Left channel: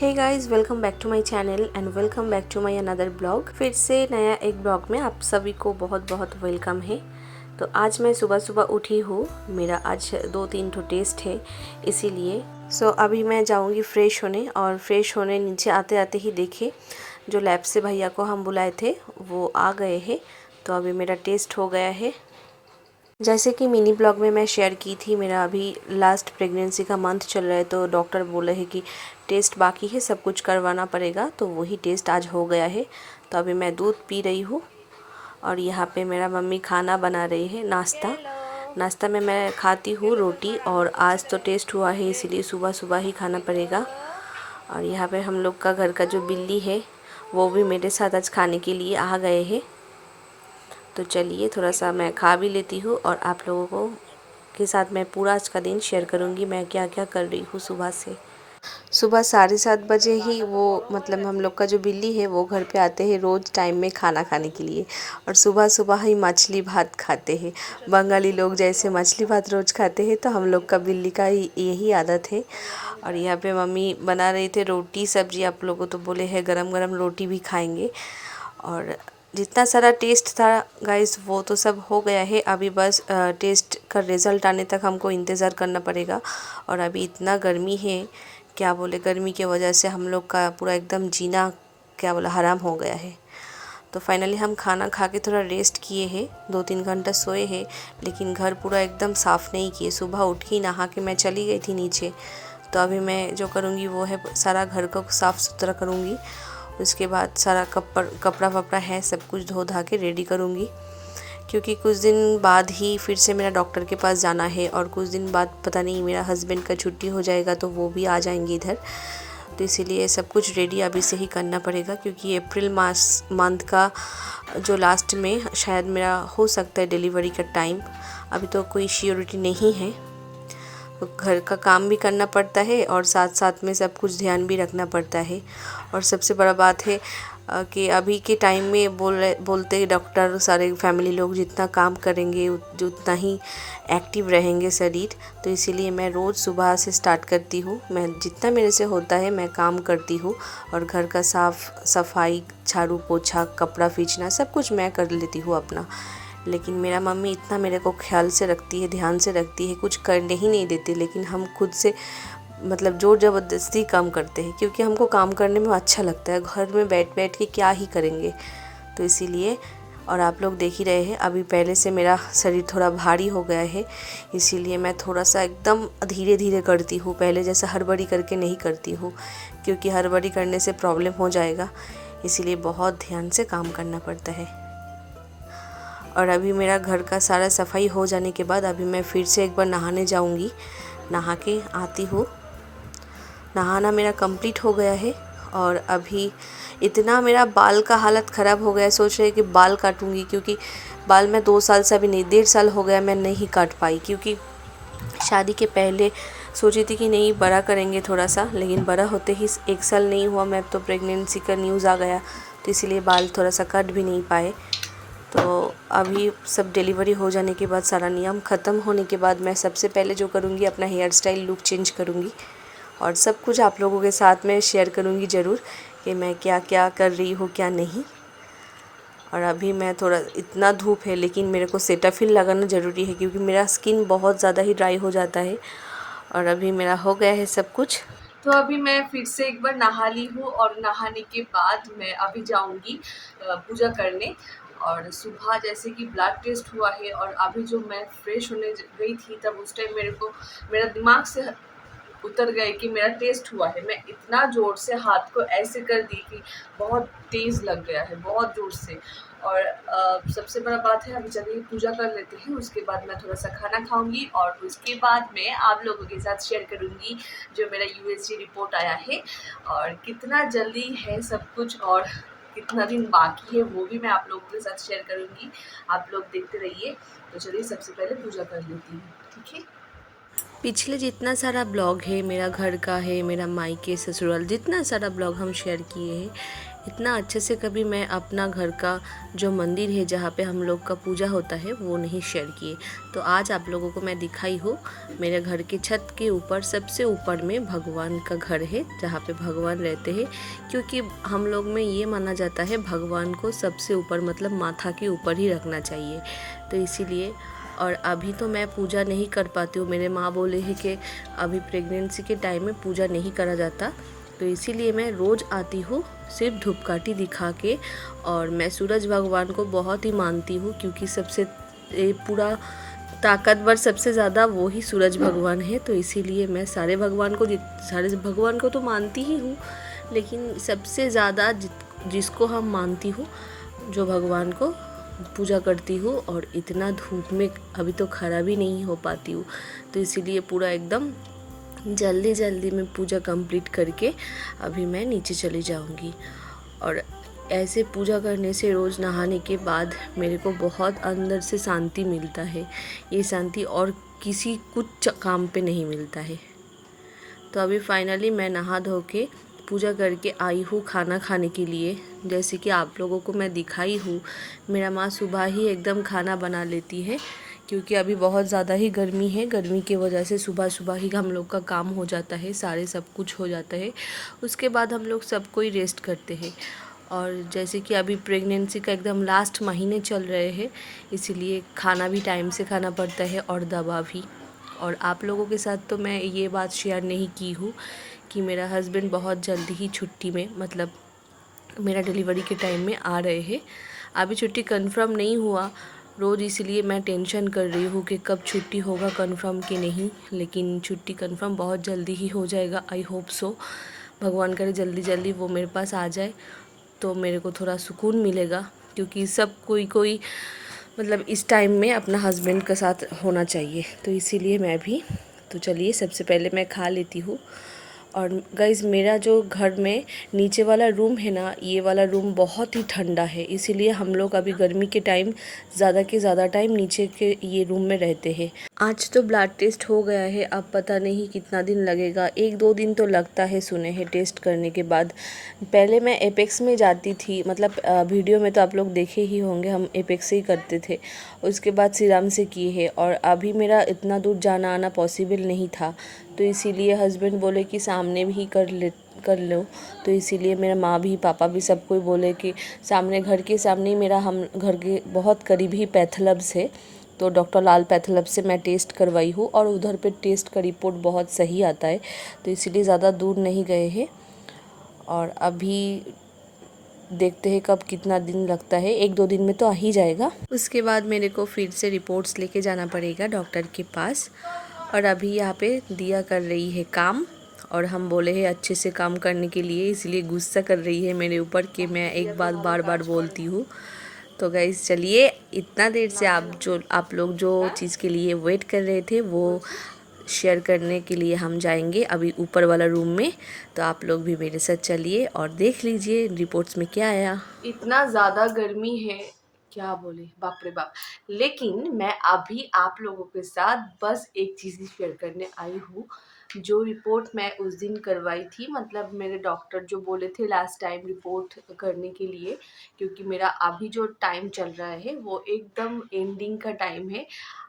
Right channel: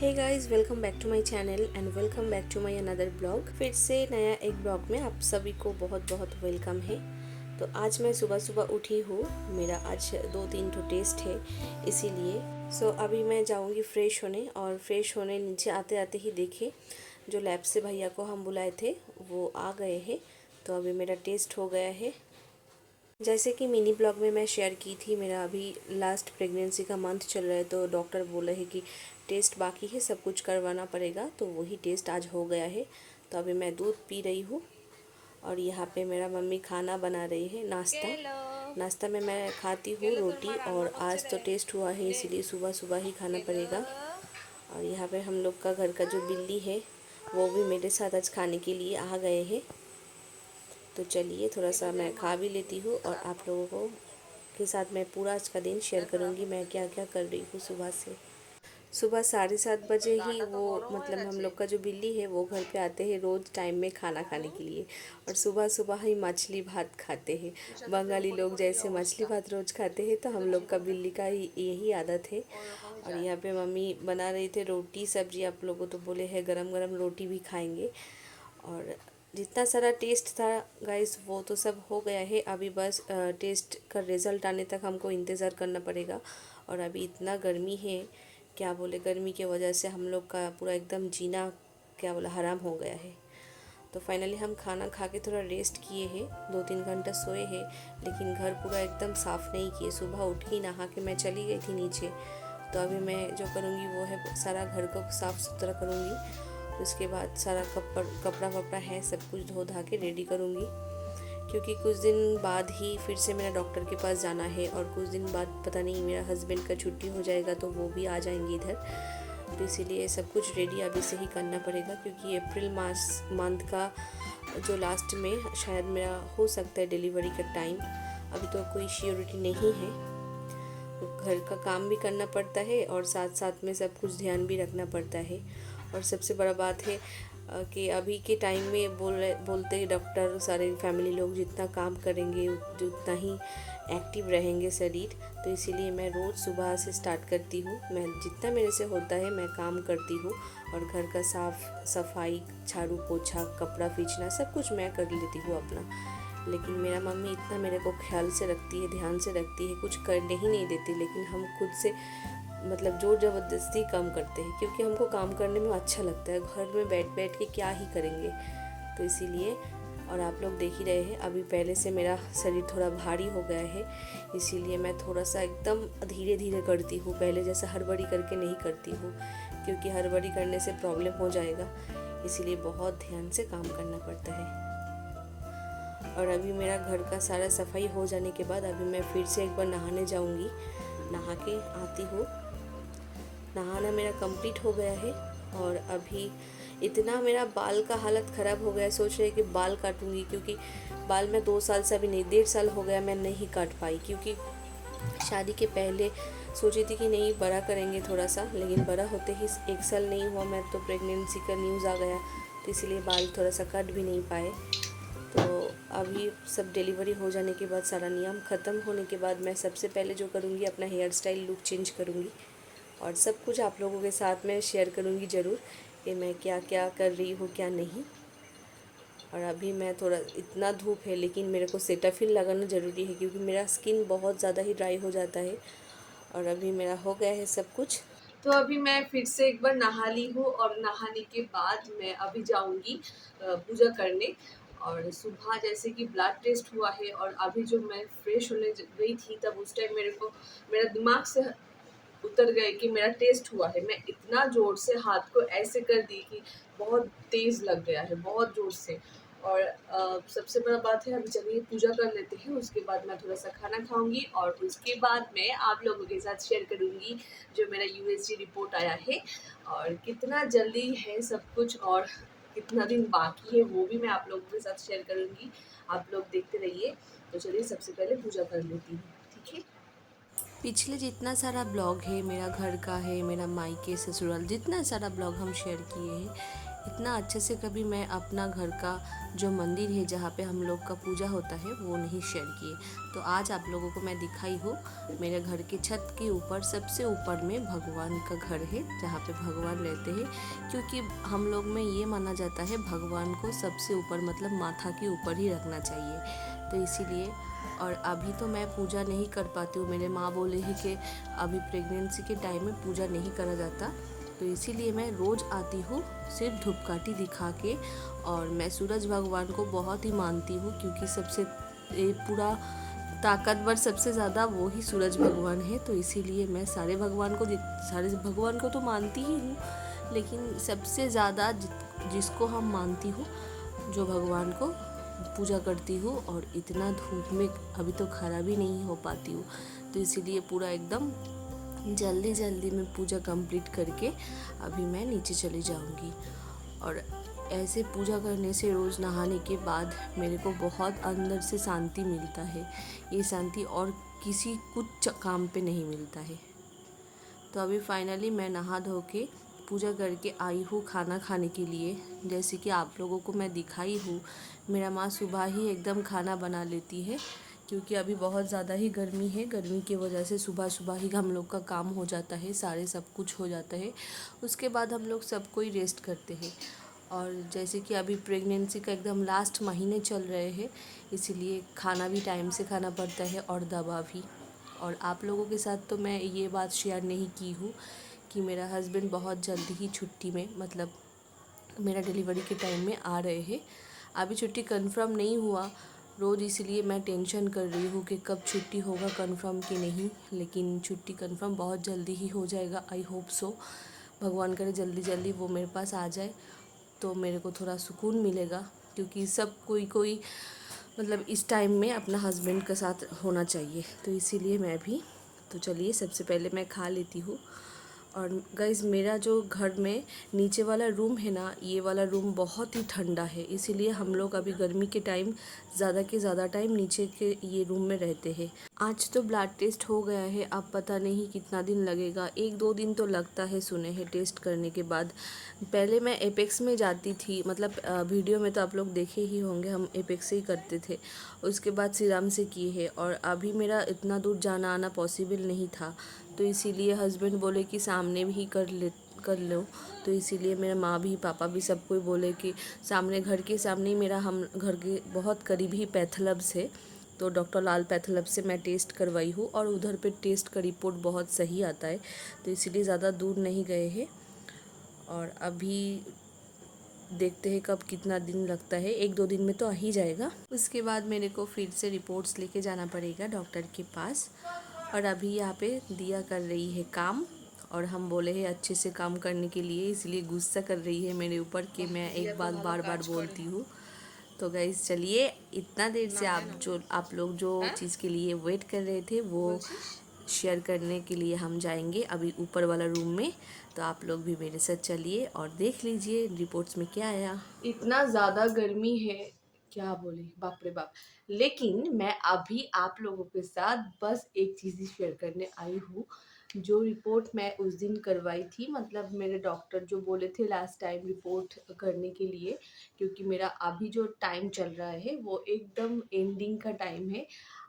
Hey guys, welcome back to my channel and welcome back to my another blog. फिर से नया एक blog में आप सभी को बहुत बहुत वेलकम है। तो आज मैं सुबह सुबह उठी हूँ। मेरा आज 2-3 ठो टेस्ट है, इसीलिए अभी मैं जाऊँगी फ्रेश होने। और फ्रेश होने नीचे आते आते ही देखे जो लैब से भैया को हम बुलाए थे वो आ गए हैं। तो अभी मेरा टेस्ट हो गया है। जैसे कि मिनी ब्लॉग में मैं शेयर की थी, मेरा अभी लास्ट प्रेगनेंसी का मंथ चल रहा है, तो डॉक्टर बोले हैं कि टेस्ट बाकी है, सब कुछ करवाना पड़ेगा। तो वही टेस्ट आज हो गया है। तो अभी मैं दूध पी रही हूँ और यहाँ पे मेरा मम्मी खाना बना रही है, नाश्ता में मैं खाती हूँ रोटी। और आज तो टेस्ट हुआ है, इसीलिए सुबह सुबह ही खाना पड़ेगा। और यहाँ पे हम लोग का घर का जो बिल्ली है वो भी मेरे साथ आज खाने के लिए आ गए हैं। तो चलिए थोड़ा सा मैं खा भी लेती हूँ और आप लोगों को के साथ मैं पूरा आज का दिन शेयर करूँगी मैं क्या क्या कर रही हूँ सुबह से। सुबह 7:30 बजे ही वो मतलब हम लोग का जो बिल्ली है वो घर पे आते हैं रोज़ टाइम में खाना खाने के लिए। और सुबह सुबह ही मछली भात खाते हैं। बंगाली लोग जैसे मछली भात रोज़ खाते हैं, तो हम लोग का बिल्ली का ही यही आदत है। और यहाँ पे मम्मी बना रही थे रोटी सब्जी। आप लोगों तो बोले हैं गरम गरम रोटी भी खाएंगे। और जितना सारा टेस्ट था गाइस वो तो सब हो गया है। अभी बस टेस्ट का रिज़ल्ट आने तक हमको इंतज़ार करना पड़ेगा। और अभी इतना गर्मी है, क्या बोले, गर्मी की वजह से हम लोग का पूरा एकदम जीना क्या बोला हराम हो गया है। तो फाइनली हम खाना खा के थोड़ा रेस्ट किए हैं, 2-3 घंटा सोए हैं। लेकिन घर पूरा एकदम साफ़ नहीं किए। सुबह उठ के नहा के मैं चली गई थी नीचे। तो अभी मैं जो करूँगी वो है सारा घर को साफ़ सुथरा करूँगी। उसके बाद सारा कपड़ा वपड़ा है सब कुछ धो धा के रेडी करूँगी, क्योंकि कुछ दिन बाद ही फिर से मेरा डॉक्टर के पास जाना है। और कुछ दिन बाद पता नहीं मेरा हस्बैंड का छुट्टी हो जाएगा तो वो भी आ जाएंगे इधर। तो इसीलिए सब कुछ रेडी अभी से ही करना पड़ेगा, क्योंकि अप्रैल मंथ का जो लास्ट में शायद मेरा हो सकता है डिलीवरी का टाइम। अभी तो कोई श्योरिटी नहीं है। तो घर का काम भी करना पड़ता है और साथ साथ में सब कुछ ध्यान भी रखना पड़ता है। और सबसे बड़ा बात है कि अभी के टाइम में बोलते डॉक्टर सारे फैमिली लोग जितना काम करेंगे उतना ही एक्टिव रहेंगे शरीर। तो इसीलिए मैं रोज़ सुबह से स्टार्ट करती हूँ। मैं जितना मेरे से होता है मैं काम करती हूँ। और घर का साफ़ सफाई, झाड़ू पोछा, कपड़ा फींचना सब कुछ मैं कर लेती हूँ अपना। लेकिन मेरा मम्मी इतना मेरे को ख्याल से रखती है, ध्यान से रखती है, कुछ करने ही नहीं देती। लेकिन हम खुद से मतलब ज़ोर ज़बरदस्ती काम करते हैं, क्योंकि हमको काम करने में अच्छा लगता है। घर में बैठ बैठ के क्या ही करेंगे, तो इसीलिए। और आप लोग देख ही रहे हैं अभी पहले से मेरा शरीर थोड़ा भारी हो गया है, इसीलिए मैं थोड़ा सा एकदम धीरे धीरे करती हूँ। पहले जैसा हड़बड़ी करके नहीं करती हूँ, क्योंकि हड़बड़ी करने से प्रॉब्लम हो जाएगा। इसीलिए बहुत ध्यान से काम करना पड़ता है। और अभी मेरा घर का सारा सफाई हो जाने के बाद अभी मैं फिर से एक बार नहाने जाऊंगी। नहा के आती हूँ। नहाना मेरा कंप्लीट हो गया है। और अभी इतना मेरा बाल का हालत ख़राब हो गया है, सोच रही कि बाल काटूंगी, क्योंकि बाल मैं 2 साल से, अभी नहीं 1.5 साल हो गया मैं नहीं काट पाई। क्योंकि शादी के पहले सोची थी कि नहीं बड़ा करेंगे थोड़ा सा, लेकिन बड़ा होते ही 1 साल नहीं हुआ मैं तो प्रेगनेंसी का न्यूज़ आ गया। तो इसीलिए बाल थोड़ा सा कट भी नहीं पाए। तो अभी सब डिलीवरी हो जाने के बाद, सारा नियम ख़त्म होने के बाद, मैं सबसे पहले जो करूँगी अपना हेयर स्टाइल लुक चेंज करूँगी। और सब कुछ आप लोगों के साथ में शेयर करूँगी ज़रूर कि मैं क्या क्या कर रही हूँ क्या नहीं। और अभी मैं थोड़ा, इतना धूप है लेकिन मेरे को सेटाफिल लगाना ज़रूरी है, क्योंकि मेरा स्किन बहुत ज़्यादा ही ड्राई हो जाता है। और अभी मेरा हो गया है सब कुछ। तो अभी मैं फिर से एक बार नहा ली हूँ और नहाने के बाद मैं अभी जाऊँगी पूजा करने। और सुबह जैसे कि ब्लड टेस्ट हुआ है और अभी जो मैं फ्रेश होने गई थी तब उस टाइम मेरे को मेरा दिमाग से उतर गए कि मेरा टेस्ट हुआ है। मैं इतना ज़ोर से हाथ को ऐसे कर दी कि बहुत तेज़ लग गया है, बहुत ज़ोर से। और सबसे बड़ा बात है अभी चलिए पूजा कर लेते हैं, उसके बाद मैं थोड़ा सा खाना खाऊंगी। और उसके बाद मैं आप लोगों के साथ शेयर करूंगी जो मेरा यूएसजी रिपोर्ट आया है और कितना जल्दी है सब कुछ और कितना दिन बाकी है वो भी मैं आप लोगों के साथ शेयर करूंगी। आप लोग देखते रहिए। तो चलिए सबसे पहले पूजा कर लेती हूँ, ठीक है। पिछले जितना सारा ब्लॉग है मेरा घर का है, मेरा मायके ससुराल, जितना सारा ब्लॉग हम शेयर किए हैं, इतना अच्छे से कभी मैं अपना घर का जो मंदिर है जहाँ पे हम लोग का पूजा होता है वो नहीं शेयर किए। तो आज आप लोगों को मैं दिखाई हूँ मेरे घर के छत के ऊपर सबसे ऊपर में भगवान का घर है जहाँ पे भगवान रहते हैं। क्योंकि हम लोग में ये माना जाता है भगवान को सबसे ऊपर मतलब माथा के ऊपर ही रखना चाहिए, तो इसीलिए। और अभी तो मैं पूजा नहीं कर पाती हूँ, मेरे माँ बोले हैं कि अभी प्रेगनेंसी के टाइम में पूजा नहीं करा जाता, तो इसीलिए मैं रोज़ आती हूँ सिर्फ धूपकाठी दिखा के। और मैं सूरज भगवान को बहुत ही मानती हूँ क्योंकि सबसे पूरा ताकतवर सबसे ज़्यादा वो ही सूरज भगवान है, तो इसीलिए मैं सारे भगवान को तो मानती ही हूँ, लेकिन सबसे ज़्यादा जिसको हम मानती हूँ, जो भगवान को पूजा करती हूँ। और इतना धूप में अभी तो खड़ा भी नहीं हो पाती हूँ, तो इसीलिए पूरा एकदम जल्दी जल्दी में पूजा कंप्लीट करके अभी मैं नीचे चली जाऊँगी। और ऐसे पूजा करने से रोज़ नहाने के बाद मेरे को बहुत अंदर से शांति मिलता है। ये शांति और किसी कुछ काम पे नहीं मिलता है। तो अभी फाइनली मैं नहा धो के पूजा करके आई हूँ खाना खाने के लिए। जैसे कि आप लोगों को मैं दिखाई हूँ, मेरा माँ सुबह ही एकदम खाना बना लेती है क्योंकि अभी बहुत ज़्यादा ही गर्मी है। गर्मी की वजह से सुबह सुबह ही हम लोग का काम हो जाता है, सारे सब कुछ हो जाता है। उसके बाद हम लोग सब कोई रेस्ट करते हैं। और जैसे कि अभी प्रेगनेंसी का एकदम लास्ट महीने चल रहे हैं, इसीलिए खाना भी टाइम से खाना पड़ता है और दवा भी। और आप लोगों के साथ तो मैं ये बात शेयर नहीं की हूँ कि मेरा हस्बैंड बहुत जल्दी ही छुट्टी में मतलब मेरा डिलीवरी के टाइम में आ रहे हैं। अभी छुट्टी कंफर्म नहीं हुआ रोज़, इसलिए मैं टेंशन कर रही हूँ कि कब छुट्टी होगा कंफर्म कि नहीं, लेकिन छुट्टी कंफर्म बहुत जल्दी ही हो जाएगा। आई होप सो, भगवान करे जल्दी जल्दी वो मेरे पास आ जाए तो मेरे को थोड़ा सुकून मिलेगा। क्योंकि सब कोई मतलब इस टाइम में अपना हस्बैंड के साथ होना चाहिए, तो इसीलिए मैं भी। तो चलिए सबसे पहले मैं खा लेती हूँ। और गाइज़ मेरा जो घर में नीचे वाला रूम है ना, ये वाला रूम बहुत ही ठंडा है, इसीलिए हम लोग अभी गर्मी के टाइम ज़्यादा के ज़्यादा टाइम नीचे के ये रूम में रहते हैं। आज तो ब्लड टेस्ट हो गया है, अब पता नहीं कितना दिन लगेगा, 1-2 दिन तो लगता है सुने हैं टेस्ट करने के बाद। पहले मैं एपेक्स में जाती थी, मतलब वीडियो में तो आप लोग देखे ही होंगे, हम एपेक्स से ही करते थे। उसके बाद सीरम से किए है, और अभी मेरा इतना दूर जाना आना पॉसिबल नहीं था, तो इसीलिए हस्बैंड बोले कि सामने भी कर लो। तो इसीलिए मेरा माँ भी पापा भी सब कोई बोले कि सामने, घर के सामने ही मेरा, हम घर के बहुत करीब ही पैथोलैब्स है, तो डॉक्टर लाल पैथोलैब्स से मैं टेस्ट करवाई हूँ और उधर पे टेस्ट का रिपोर्ट बहुत सही आता है, तो इसीलिए ज़्यादा दूर नहीं गए हैं। और अभी देखते हैं कब कितना दिन लगता है, 1-2 दिन में तो आ ही जाएगा। उसके बाद मेरे को फिर से रिपोर्ट्स लेके जाना पड़ेगा डॉक्टर के पास। और अभी यहाँ पे दिया कर रही है काम, और हम बोले हैं अच्छे से काम करने के लिए, इसलिए गुस्सा कर रही है मेरे ऊपर कि मैं एक बात बार बार बोलती हूँ। तो गाइस चलिए, इतना देर से आप लोग जो चीज़ के लिए वेट कर रहे थे वो शेयर करने के लिए हम जाएंगे अभी ऊपर वाला रूम में। तो आप लोग भी मेरे साथ चलिए और देख लीजिए रिपोर्ट्स में क्या आया। इतना ज़्यादा गर्मी है, क्या बोले, बाप रे बाप। लेकिन मैं अभी आप लोगों के साथ बस एक चीज़ ही शेयर करने आई हूँ। जो रिपोर्ट मैं उस दिन करवाई थी, मतलब मेरे डॉक्टर जो बोले थे लास्ट टाइम रिपोर्ट करने के लिए, क्योंकि मेरा अभी जो टाइम चल रहा है वो एकदम एंडिंग का टाइम है।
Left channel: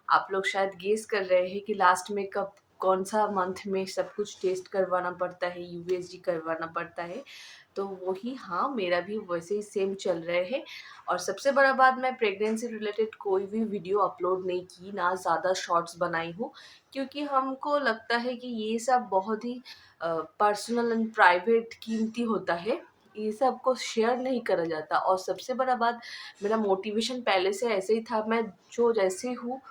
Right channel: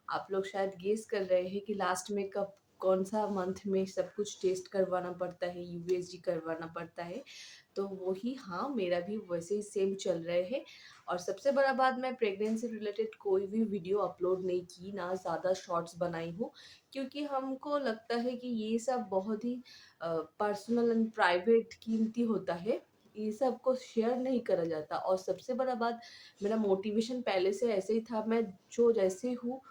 आप लोग शायद गेस कर रहे हैं कि लास्ट में कब, कौन सा मंथ में सब कुछ टेस्ट करवाना पड़ता है, यूएसजी करवाना पड़ता है, तो वही, हाँ मेरा भी वैसे ही सेम चल रहे हैं। और सबसे बड़ा बात, मैं प्रेगनेंसी रिलेटेड कोई भी वीडियो अपलोड नहीं की, ना ज़्यादा शॉर्ट्स बनाई हूँ, क्योंकि हमको लगता है कि ये सब बहुत ही पर्सनल एंड प्राइवेट कीमती होता है, ये सब को शेयर नहीं करा जाता। और सबसे बड़ा बात, मेरा मोटिवेशन पहले से ऐसे ही था, मैं जो जैसे हूँ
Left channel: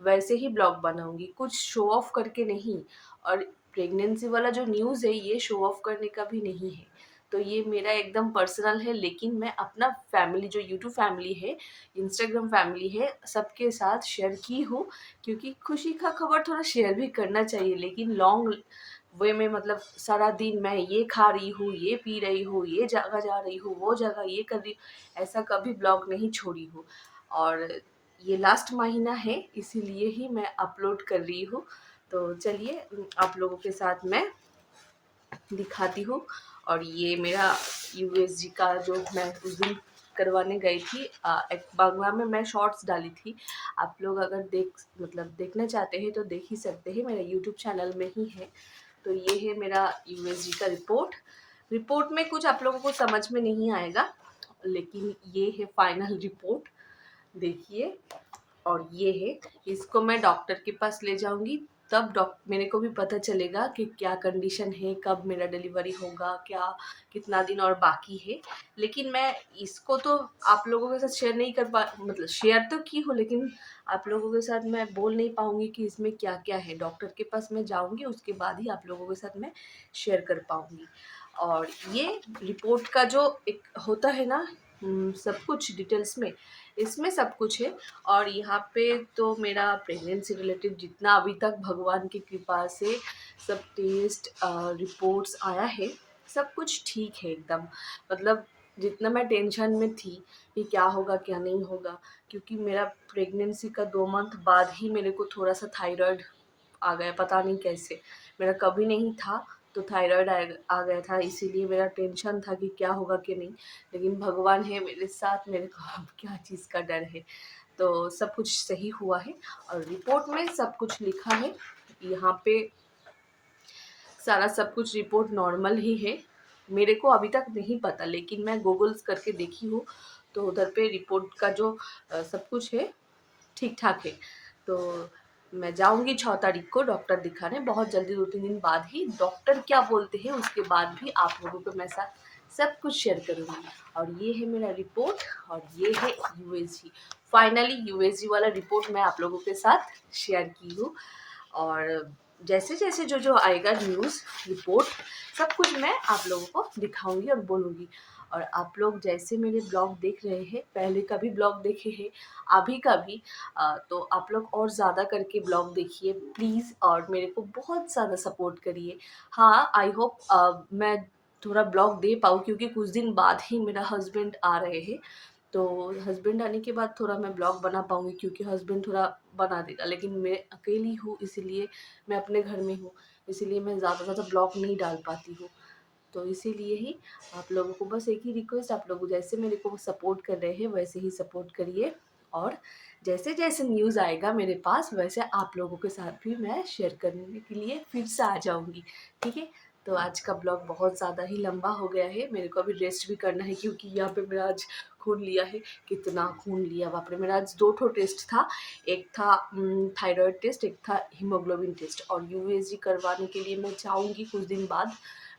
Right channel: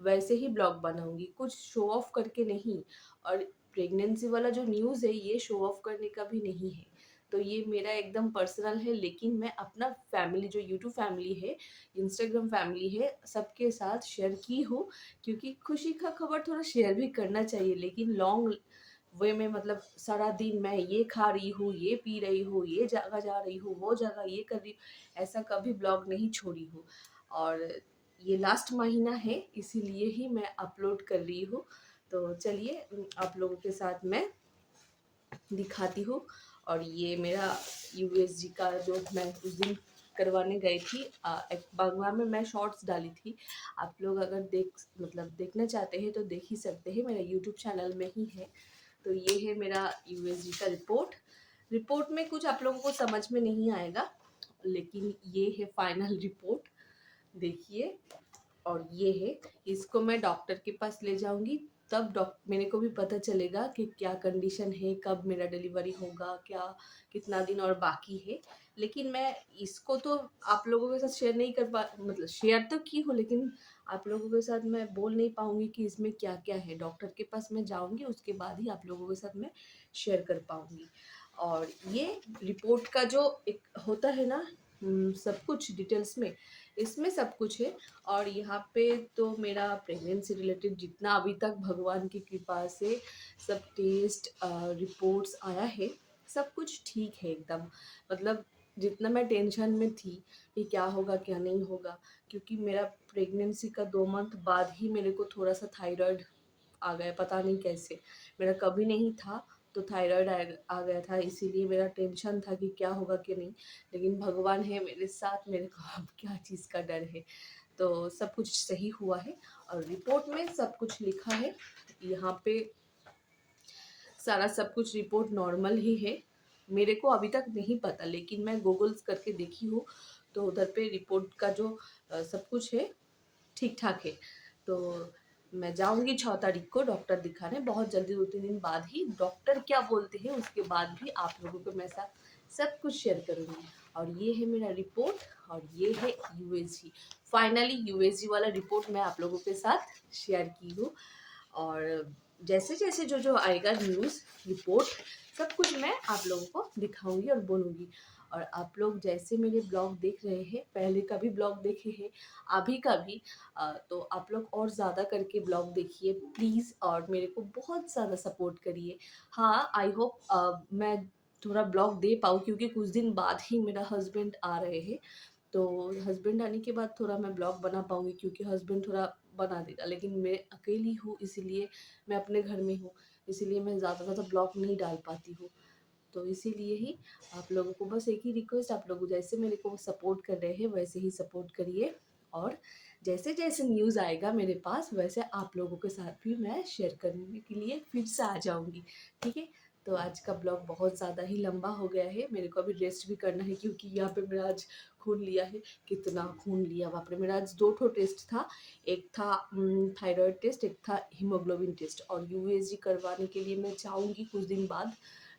वैसे ही ब्लॉग बनाऊंगी, कुछ शो ऑफ करके नहीं। और प्रेगनेंसी वाला जो न्यूज़ है ये शो ऑफ करने का भी नहीं है, तो ये मेरा एकदम पर्सनल है। लेकिन मैं अपना फैमिली, जो यूट्यूब फैमिली है, इंस्टाग्राम फैमिली है, सबके साथ शेयर की हूँ, क्योंकि खुशी का खबर थोड़ा शेयर भी करना चाहिए, लेकिन लॉन्ग वे में, मतलब सारा दिन मैं ये खा रही हूँ, ये पी रही हूँ, ये जगह जा रही हूँ, वो जगह ये कर रही हूँ, ऐसा कभी ब्लॉग नहीं छोड़ी हूँ। और ये लास्ट महीना है, इसीलिए ही मैं अपलोड कर रही हूँ। तो चलिए आप लोगों के साथ मैं दिखाती हूँ। और ये मेरा यूएसजी का जो मैं उस दिन करवाने गई थी एक बागवा में मैं शॉर्ट्स डाली थी। आप लोग अगर देखना चाहते हैं तो देख ही सकते हैं, मेरे यूट्यूब चैनल में ही है। तो ये है मेरा यूएसजी का रिपोर्ट में कुछ आप लोगों को समझ में नहीं आएगा, लेकिन ये है फाइनल रिपोर्ट, देखिए। और ये है, इसको मैं डॉक्टर के पास ले जाऊंगी, तब मेरे को भी पता चलेगा कि क्या कंडीशन है, कब मेरा डिलीवरी होगा, क्या कितना दिन और बाकी है। लेकिन मैं इसको तो आप लोगों के साथ शेयर नहीं कर पा, मतलब शेयर तो की हो, लेकिन आप लोगों के साथ मैं बोल नहीं पाऊंगी कि इसमें क्या क्या है। डॉक्टर के पास मैं जाऊंगी, उसके बाद ही आप लोगों के साथ मैं शेयर कर पाऊंगी। और ये रिपोर्ट का जो एक होता है ना, सब कुछ डिटेल्स में, इसमें सब कुछ है। और यहाँ पे तो मेरा प्रेगनेंसी रिलेटेड जितना अभी तक भगवान की कृपा से सब टेस्ट रिपोर्ट्स आया है, सब कुछ ठीक है एकदम। मतलब जितना मैं टेंशन में थी कि क्या होगा क्या नहीं होगा, क्योंकि मेरा प्रेगनेंसी का 2 मंथ बाद ही मेरे को थोड़ा सा थायराइड आ गया, पता नहीं कैसे। मेरा कभी नहीं था, तो थायराइड आ गया था, इसीलिए मेरा टेंशन था कि क्या होगा कि नहीं। लेकिन भगवान है मेरे साथ, मेरे को अब क्या चीज़ का डर है। तो सब कुछ सही हुआ है और रिपोर्ट में सब कुछ लिखा है। यहाँ पे सारा सब कुछ रिपोर्ट नॉर्मल ही है। मेरे को अभी तक नहीं पता, लेकिन मैं गूगल्स करके देखी हूँ, तो उधर पे रिपोर्ट का जो सब कुछ है ठीक ठाक है। तो मैं जाऊंगी 6 तारीख को डॉक्टर दिखाने, बहुत जल्दी 2-3 दिन बाद ही। डॉक्टर क्या बोलते हैं उसके बाद भी आप लोगों को मैं साथ सब कुछ शेयर करूंगी। और ये है मेरा रिपोर्ट, और ये है यूएसजी। फाइनली यूएसजी वाला रिपोर्ट मैं आप लोगों के साथ शेयर की हूँ। और जैसे जैसे जो जो आएगा न्यूज़ रिपोर्ट, सब कुछ मैं आप लोगों को दिखाऊंगी और बोलूँगी। और आप लोग जैसे मेरे ब्लॉग देख रहे हैं, पहले का भी ब्लॉग देखे हैं, अभी का भी, तो आप लोग और ज़्यादा करके ब्लॉग देखिए प्लीज़, और मेरे को बहुत ज़्यादा सपोर्ट करिए। हाँ, आई होप मैं थोड़ा ब्लॉग दे पाऊँ, क्योंकि कुछ दिन बाद ही मेरा हस्बैंड आ रहे हैं। तो हस्बैंड आने के बाद थोड़ा मैं ब्लॉग बना पाऊँगी, क्योंकि हस्बैंड थोड़ा बना देगा, लेकिन मैं अकेली हूँ, इसीलिए मैं अपने घर में हूँ, इसीलिए मैं ज़्यादा ब्लॉग नहीं डाल पाती हूँ। तो इसीलिए ही आप लोगों को बस एक ही रिक्वेस्ट, आप लोग जैसे मेरे को सपोर्ट कर रहे हैं वैसे ही सपोर्ट करिए। और जैसे जैसे न्यूज़ आएगा मेरे पास, वैसे आप लोगों के साथ भी मैं शेयर करने के लिए फिर से आ जाऊँगी, ठीक है। तो आज का ब्लॉग बहुत ज़्यादा ही लंबा हो गया है, मेरे को अभी रेस्ट भी करना है, क्योंकि यहाँ पे मेरा आज खून लिया है। कितना खून लिया बाप रे! मेरा आज 2 ठो टेस्ट था। एक था थायराइड टेस्ट, एक था हीमोग्लोबिन टेस्ट। और यूएसजी करवाने के लिए मैं जाऊँगी कुछ दिन बाद,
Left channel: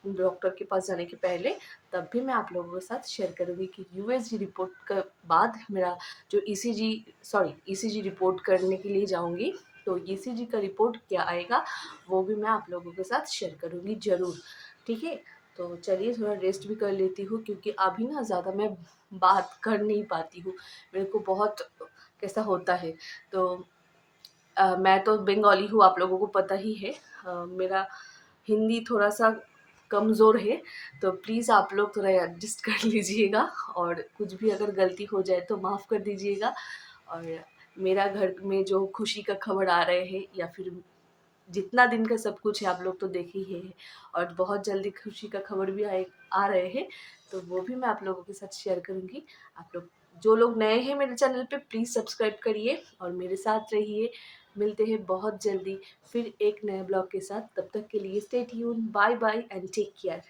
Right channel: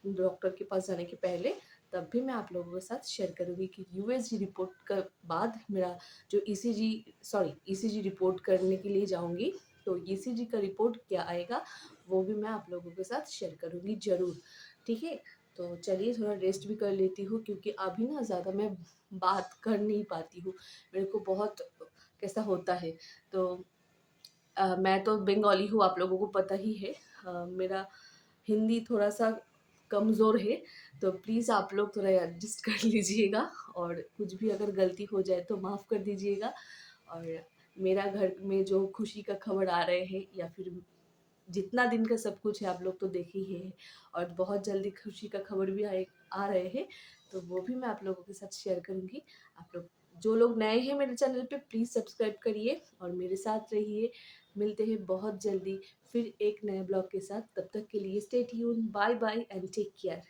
डॉक्टर के पास जाने के पहले। तब भी मैं आप लोगों के साथ शेयर करूँगी कि यूएसजी रिपोर्ट के बाद मेरा जो ईसीजी रिपोर्ट करने के लिए जाऊँगी, तो ईसीजी का रिपोर्ट क्या आएगा वो भी मैं आप लोगों के साथ शेयर करूँगी ज़रूर, ठीक है। तो चलिए थोड़ा रेस्ट भी कर लेती हूँ, क्योंकि अभी ना ज़्यादा मैं बात कर नहीं पाती हूँ, मेरे को बहुत कैसा होता है। तो मैं तो बंगाली हूँ, आप लोगों को पता ही है। मेरा हिंदी थोड़ा सा कमज़ोर है, तो प्लीज़ आप लोग थोड़ा एडजस्ट कर लीजिएगा, और कुछ भी अगर गलती हो जाए तो माफ़ कर दीजिएगा। और मेरा घर में जो खुशी का खबर आ रहे हैं, या फिर जितना दिन का सब कुछ है आप लोग तो देख ही है, और बहुत जल्दी खुशी का खबर भी आ रहे हैं, तो वो भी मैं आप लोगों के साथ शेयर करूँगी। आप लोग जो लोग नए हैं मेरे चैनल पे, प्लीज़ सब्सक्राइब करिए और मेरे साथ रहिए। मिलते हैं बहुत जल्दी फिर एक नए ब्लॉग के साथ, तब तक के लिए stay tune, bye bye and take care.